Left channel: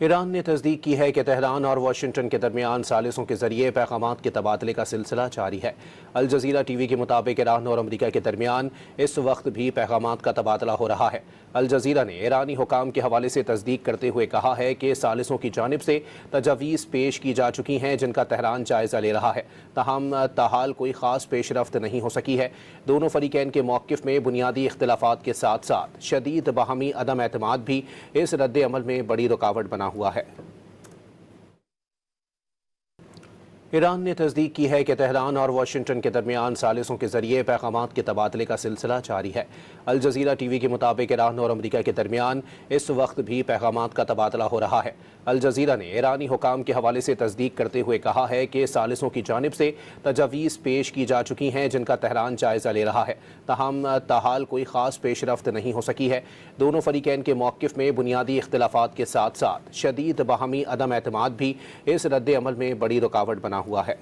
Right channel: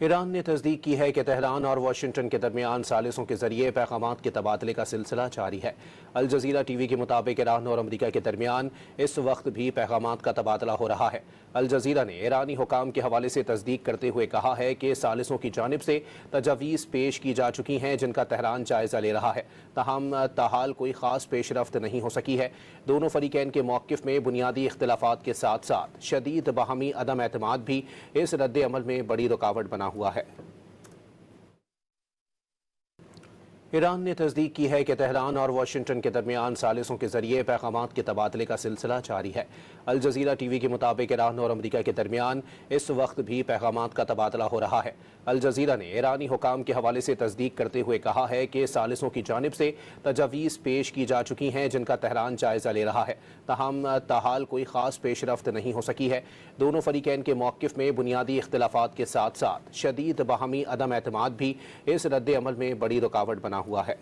ایران نے تصدیق کی ہے کہ تہران اور واشنگٹن کے درمیان ثالثوں کے ذریعے پیغامات کے تبادلے کا سلسلہ جاری ہے۔ الجزیرہ ٹی وی کے مطابق ایران اور امریکہ کے درمیان اس وقت بھی پیغامات کا تبادلہ ہو رہا ہے۔ الجزیرہ نے ایرانی حکام کے حوالے سے تصدیق کرتے ہوئے کہا ہے کہ ثالثوں کی جانب سے تجاویز پیش کی جا چکی ہیں جن کا تہران جائزہ لے رہا ہے، تاہم تاحال کوئی خاص پیش رفت نہیں ہو سکی ہے۔ دونوں فریقین کے موقف میں بنیادی اختلافات کے ساتھ ساتھ شدید باہمی عدم اعتماد بھی اس رد عمل میں بڑی رکاوٹ بنا ہوا ہے۔ ایران نے تصدیق کی ہے کہ تہران اور واشنگٹن کے درمیان ثالثوں کے ذریعے پیغامات کے تبادلے کا سلسلہ جاری ہے۔ الجزیرہ ٹی وی کے مطابق ایران اور امریکہ کے درمیان اس وقت بھی پیغامات کا تبادلہ ہو رہا ہے۔ الجزیرہ نے ایرانی حکام کے حوالے سے تصدیق کرتے ہوئے کہا ہے کہ ثالثوں کی جانب سے تجاویز پیش کی جا چکی ہیں جن کا تہران جائزہ لے رہا ہے، تاہم تاحال کوئی خاص پیش رفت نہیں ہو سکی ہے۔ دونوں فریقین کے موقف میں بنیادی اختلافات کے ساتھ ساتھ شدید باہمی عدم اعتماد بھی اس رد عمل میں بڑی رکاوٹ بنا ہوا ہے۔